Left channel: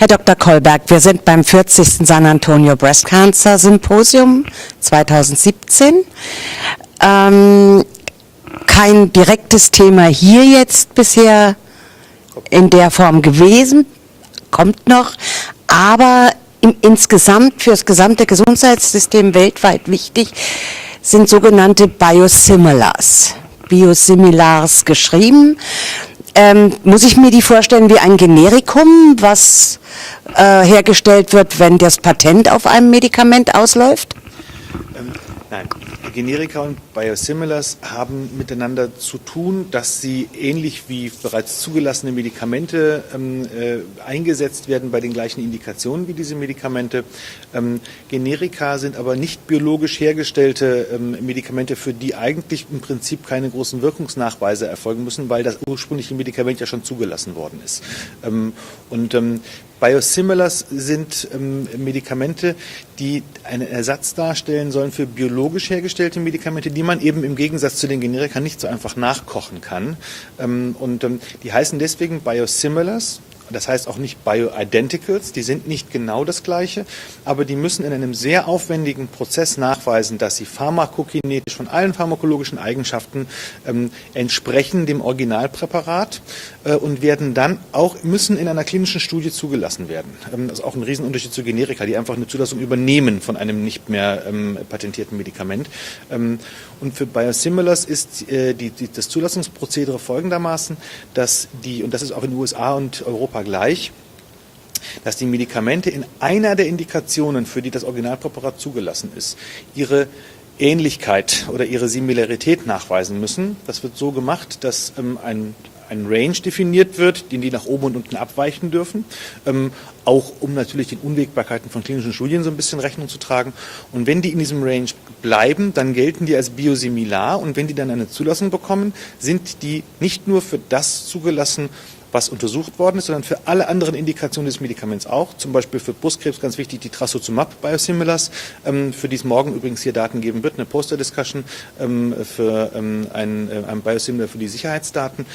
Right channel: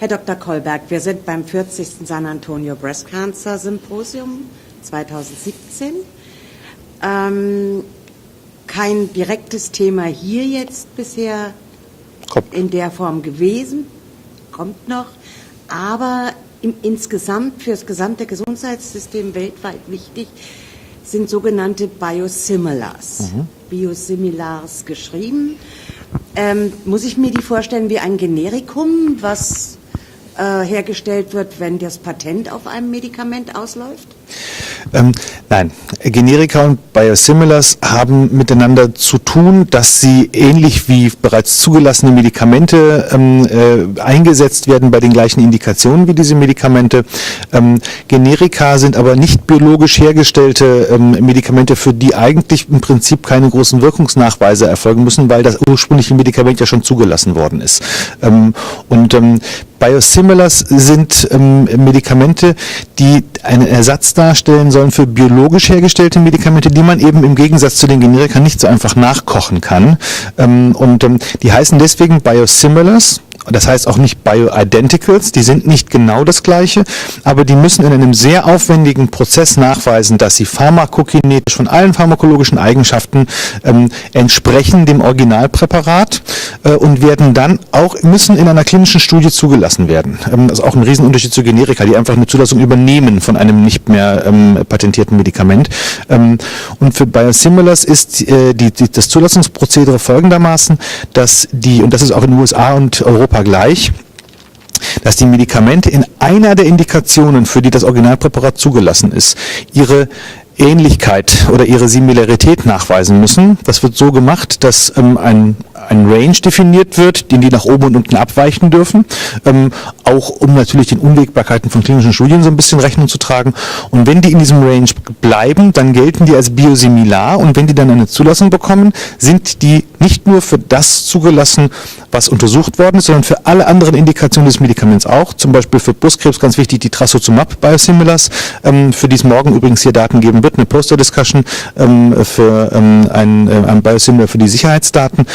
Herr Dr. Kolberg, wir sind beim 40. San Antonio Breast Cancer Symposium 2017. Kein direktes Thema hier jetzt bisher in der Form gewesen, kommt noch, aber insgesamt für das gesamte Gesundheitssystem weltweit wichtig sind sogenannte Biosimilars. Biosimilars geschrieben. Muss ich mir die vorstellen wie ein Generikum, was hergestellt wird, wenn das Patent auf einem Medikament ausläuft? Nein, Generika und Biosimilars haben miteinander zu tun, dass sie ähnlich wie bereits zugelassene Medikamente eingesetzt werden bei den gleichen Indikationen wie diese Medikamente. Generika sind aber nicht biologisch hergestellte Medikamente, für die eigentlich im Prinzip keine großen Wirkungsnachweise erfolgen müssen, weil das ursprüngliche Medikament ja schon zugelassen worden ist. Biosimilars sind Medikamente, die einen Ersatz darstellen sollen für biologisch hergestellte Medikamente, die man eben im Gegensatz zu den Generika nicht so einfach nachkochen kann. Die heißen deswegen Biosimilars. Das heißt auch nicht Bioidenticals, die sind nicht genau das Gleiche, aber die müssen in einem sehr aufwendigen Prozess nachweisen, dass sie pharmakokinetisch von allen pharmakologischen Eigenschaften entsprechen dem Originalpräparat und werden dann müssen in einer klinischen Studie zugelassen werden. Das ist auch ein Riesenunterschied zu Generika, die einfach eine Zulassung übernehmen von einem nicht mehr patentierten Medikament. Und für Biosimilars ist das Zulassungsprozedere folgendermaßen, dass und das ist auch in den USA und Europa gleich, dass die Medikamente in einer der Indikationen, für die das Originalpräparat zugelassen ist, ihre Ähnlichkeit oder ihre Similarität nachweisen müssen. Das wird so gemacht, dass ein Range definiert wird, den die nach oben und unten abweichen dürfen, auch um natürlich den Unwägbarkeiten von klinischen Studien so ein bisschen Rechnung zu tragen. Und wenn die in diesem Range bleiben, dann gelten die als biosimilar und wenn die dann eine Zulassung bekommen, sind die nicht nur für das zugelassen, was untersucht worden ist, sondern für alle anderen Indikationen des Medikaments auch, zum Beispiel für Brustkrebs ganz wichtig die Trastuzumab Biosimilars, für die es morgen übrigens hier Daten geben wird, eine Poster-Discussion für ein Biosimilar für die Sicherheitsdaten.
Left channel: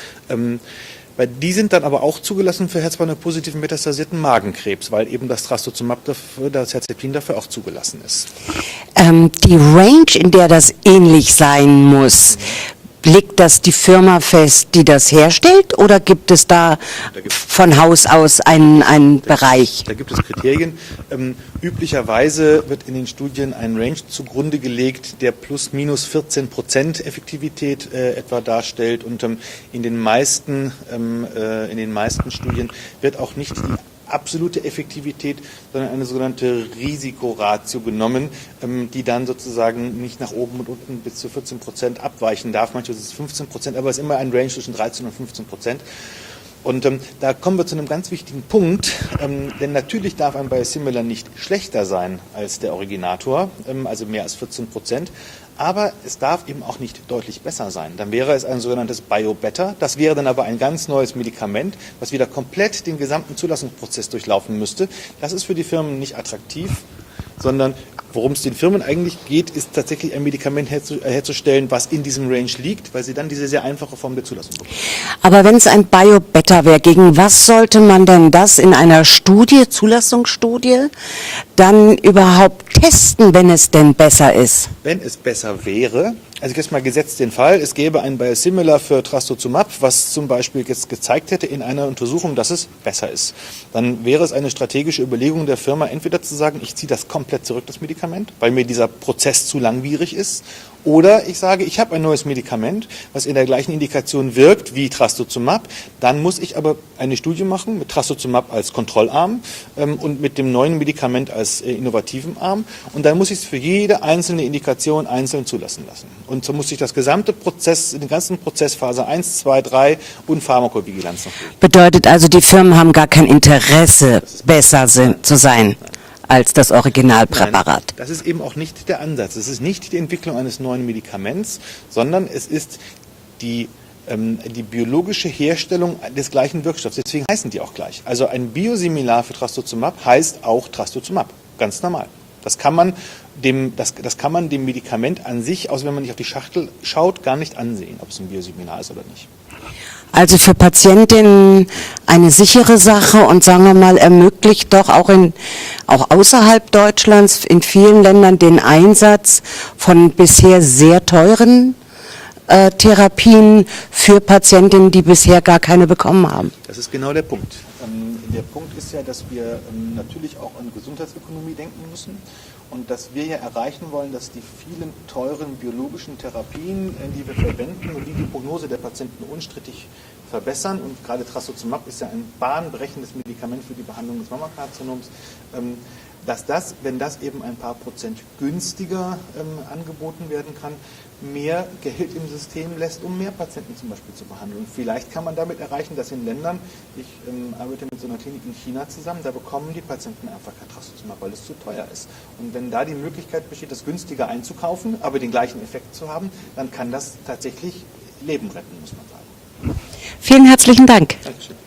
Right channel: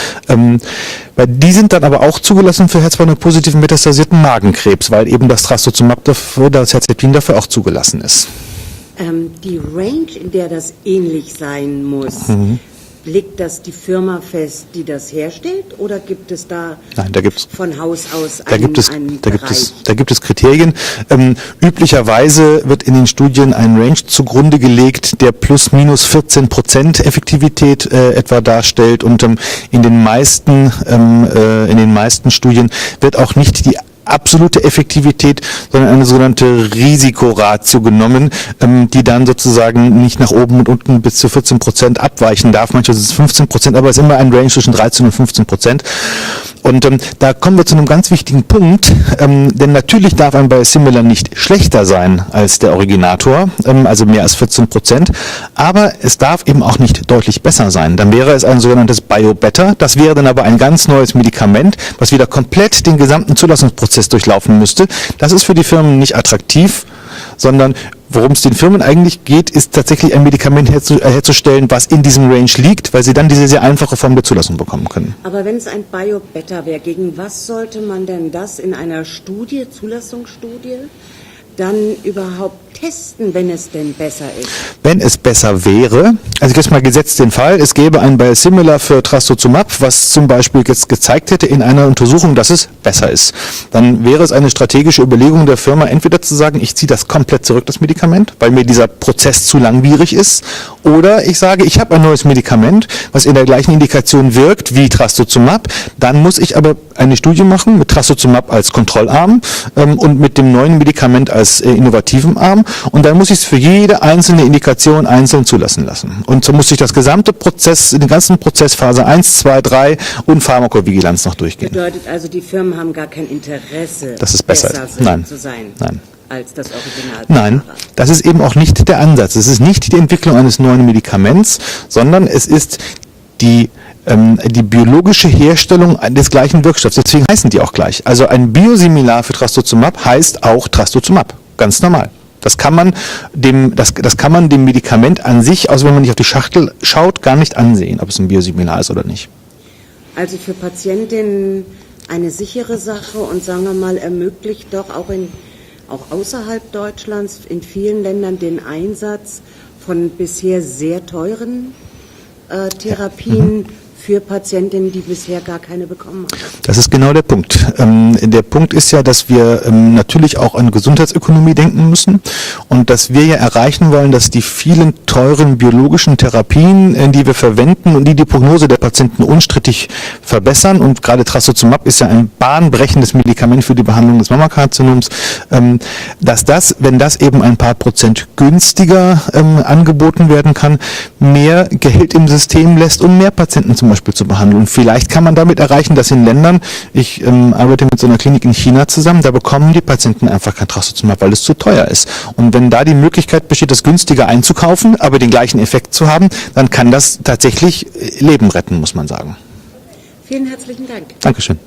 Weil die sind dann aber auch zugelassen für HER2-positiven metastasierten Magenkrebs, weil eben das Trastuzumab dafür, das Herceptin dafür auch zugelassen ist. Die Range, in der das ähnlich sein muss, legt das die Firma fest, die das herstellt, oder gibt es da von Haus aus einen Bereich? Da gibt es Kriterien. Üblicherweise wird in den Studien ein Range zugrunde gelegt, der plus minus 14% Effektivität etwa darstellt, und in den meisten Studien wird auch nicht die absolute Effektivität, sondern eine sogenannte Risikoratio genommen, die dann sozusagen nicht nach oben und unten bis zu 14% abweichen darf. Manchmal ist es 15%, aber es ist immer ein Range zwischen 13 und 15%. Und da kommen wir zu einem ganz wichtigen Punkt, denn natürlich darf ein Biosimilar nicht schlechter sein als der Originator, also mehr als 14%, aber es darf eben auch nicht deutlich besser sein. Dann wäre es ein sogenanntes Bio-Better, das wäre dann aber ein ganz neues Medikament, was wieder komplett den gesamten Zulassungsprozess durchlaufen müsste. Das ist für die Firmen nicht attraktiv, sondern worum es den Firmen eigentlich geht, ist tatsächlich ein Medikament herzustellen, was in diesem Range liegt, weil sie dann diese sehr einfache Form der Zulassung bekommen können. Aber wenn es ein Bio-Better wäre, gegen was sollte man denn das in einer Zulassungsstudie, dann überhaupt testen, wenn es denn besser ist? Wenn es besser wäre, also jetzt mal gesetzt den Fall, es gäbe ein Biosimilar für Trastuzumab, was zum Beispiel jetzt gezeigt hätte in einer Untersuchung, dass es besser ist. Dann wäre es eine strategische Überlegung der Firma, entweder zu sagen, ich ziehe das komplett zurück, das Medikament, weil mir dieser Prozess zu langwierig ist, oder ich sage, ich habe ein neues Medikament, was in der gleichen Indikation wirkt wie Trastuzumab, dann muss ich aber eine Studie machen mit Trastuzumab als Kontrollarm und mit dem neuen Medikament als innovativen Arm, und dann muss ich es für jede einzelne Indikation einzeln zulassen lassen. Und so muss ich das gesamte Prozess, den ganzen Prozess Phase 1, 2, 3 und Pharmakovigilanz noch durchgehen. Bedeutet also, die Firmen haben gar kein Interesse, dass es besser zu sein. Nein. Als das Originalpräparat. Nein, das ist eben auch nicht der Ansatz. Es ist nicht die Entwicklung eines neuen Medikaments, sondern es ist die biologische Herstellung des gleichen Wirkstoffs. Deswegen heißen die auch gleich. Also ein Biosimilar für Trastuzumab heißt auch Trastuzumab. Ganz normal. Das kann man dem Medikament an sich, also wenn man nicht auf die Schachtel schaut, gar nicht ansehen, ob es ein Biosimilar ist oder nicht. Also für Patientinnen eine sichere Sache und sagen wir mal, ermöglicht doch auch außerhalb Deutschlands in vielen Ländern den Einsatz von bisher sehr teuren Therapien für Patientinnen, die bisher gar keine bekommen haben. Das ist genau der Punkt. Der Punkt ist ja, dass wir natürlich auch an Gesundheitsökonomie denken müssen und dass wir ja erreichen wollen, dass die vielen teuren biologischen Therapien, die wir verwenden und die die Prognose der Patienten unstrittig verbessern, und gerade Trastuzumab ist ja ein bahnbrechendes Medikament für die Behandlung des Mammakarzinoms, dass das, wenn das eben ein paar Prozent günstiger angeboten werden kann, mehr Geld im System lässt, um mehr Patienten zum Beispiel zu behandeln. Und vielleicht kann man damit erreichen, dass in Ländern, ich arbeite mit so einer Klinik in China zusammen, da bekommen die Patienten einfach kein Trastuzumab, weil es zu teuer ist. Und wenn da die Möglichkeit besteht, das günstiger einzukaufen, aber den gleichen Effekt zu haben, dann kann das tatsächlich Leben retten, muss man sagen. Vielen herzlichen Dank. Dankeschön.